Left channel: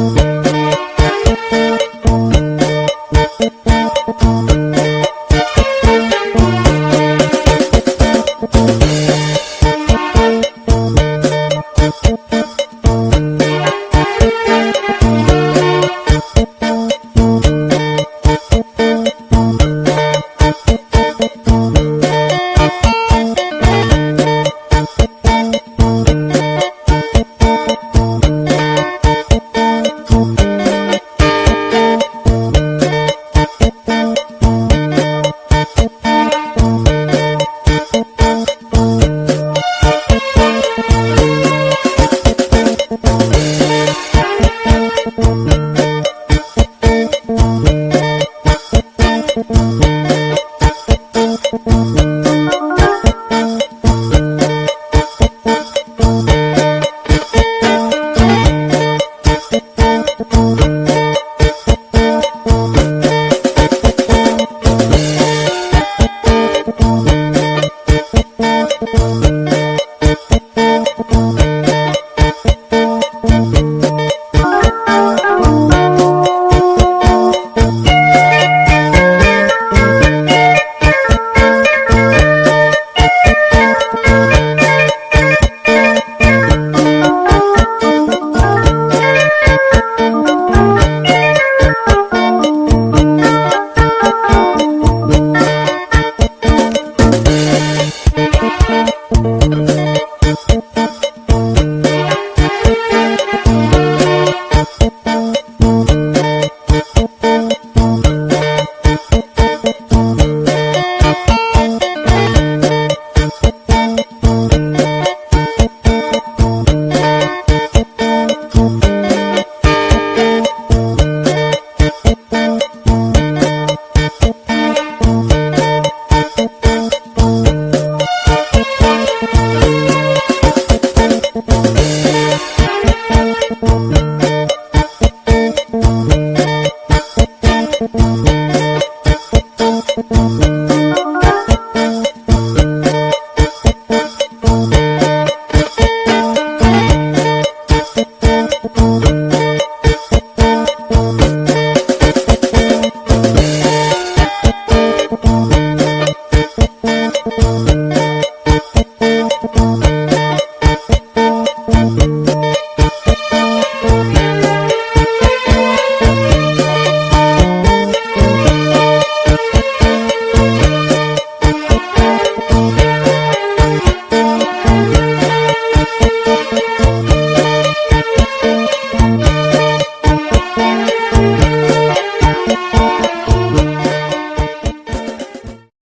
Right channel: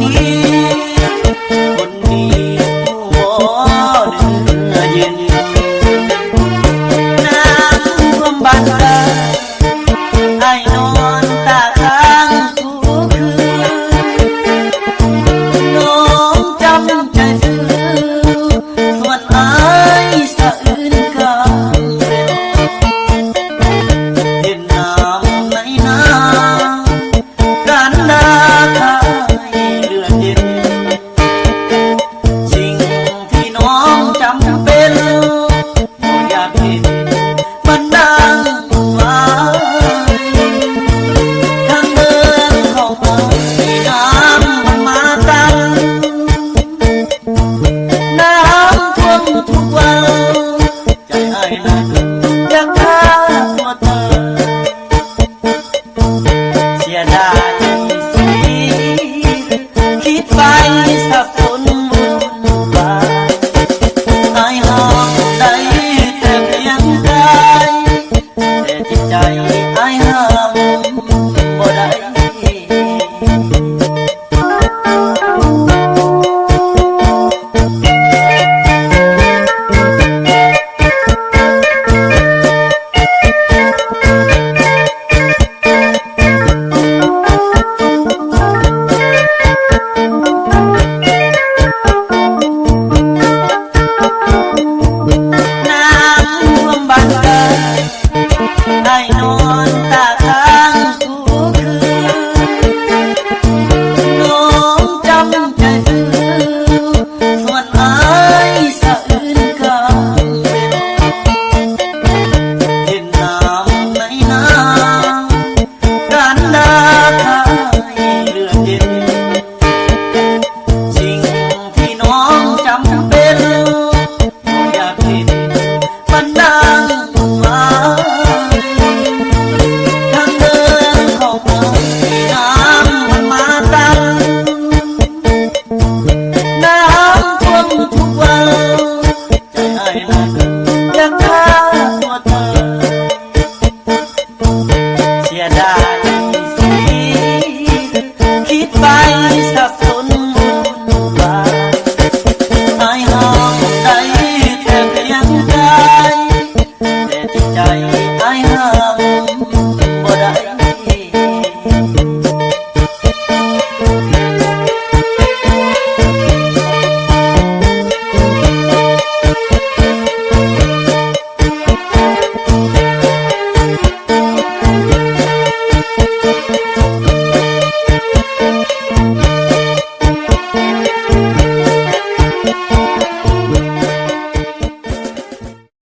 también.